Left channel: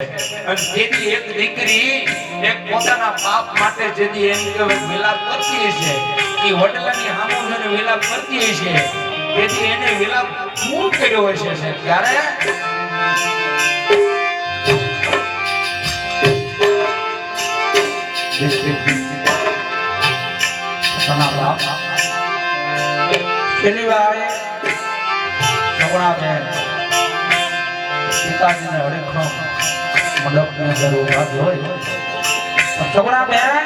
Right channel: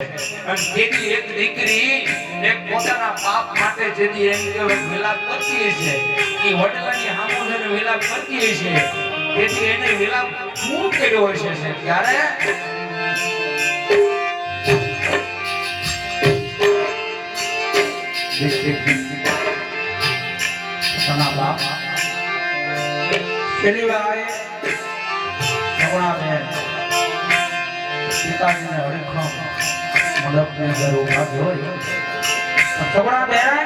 અને તેની એક દીકરી એક પોતાના બાપ માટે જેથી એમ કે વિલાપ કરતી છે એ વડલાની સામુ જઈને વિલાપ કરતી છે તેથી એને વિલાપ શું કર્યો હશે છે ત્યારે પોતાના બાપ છેલ્લી વાર સગુણાબેન પિતાજીને હરીખમ મંડપની અંદર ઉભા હોય સગુણાબેન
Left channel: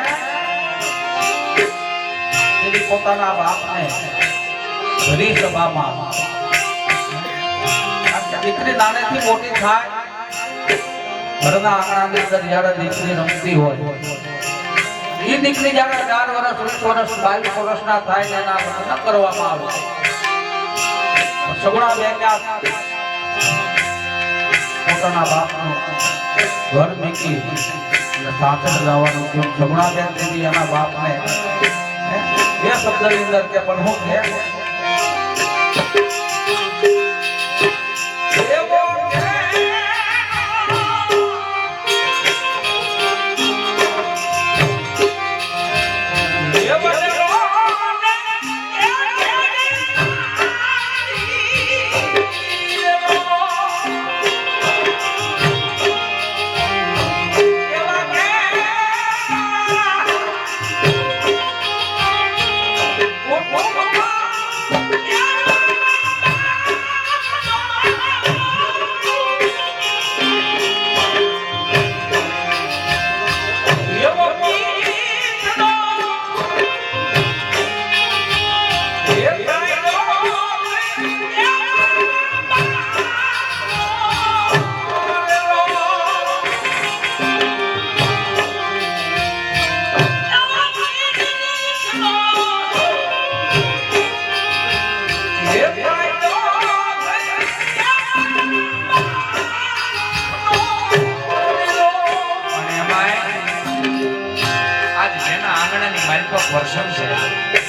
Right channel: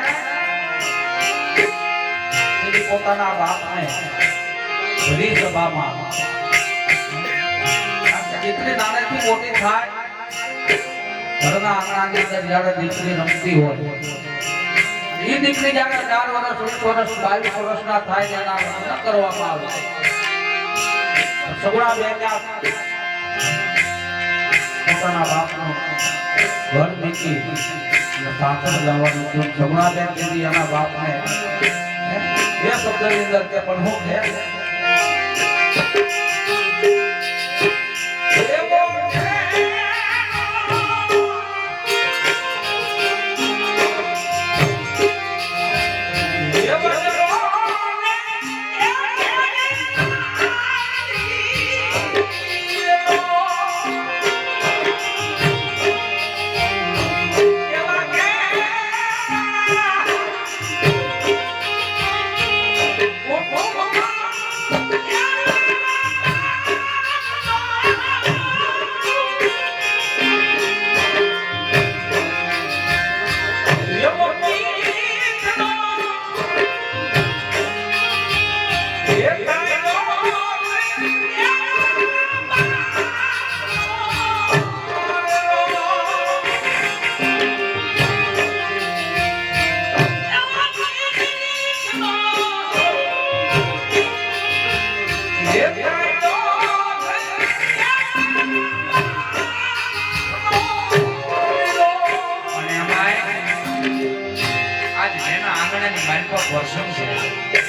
પોતાના બાપને ઘણી સભામાં દીકરી નાનેથી મોટી થાય ઘરના આંગણાની અંદર જ્યારે દીકરી રમતી હોય એ દીકરી જ્યારે 4 વર્ષ 20 વર્ષ 22 વર્ષના થાય એના લગ્ન કરવામાં આવે સગુણાબેન પોતાના બાપનું ઘર મૂકી અને સાથે લાવવાનું જો સગુણાબેન દીદી એના બાપને એ શબ્દની અંદર કે પણ હું કે આજ જેના આંગણાની મારી પર વર્ષમ છે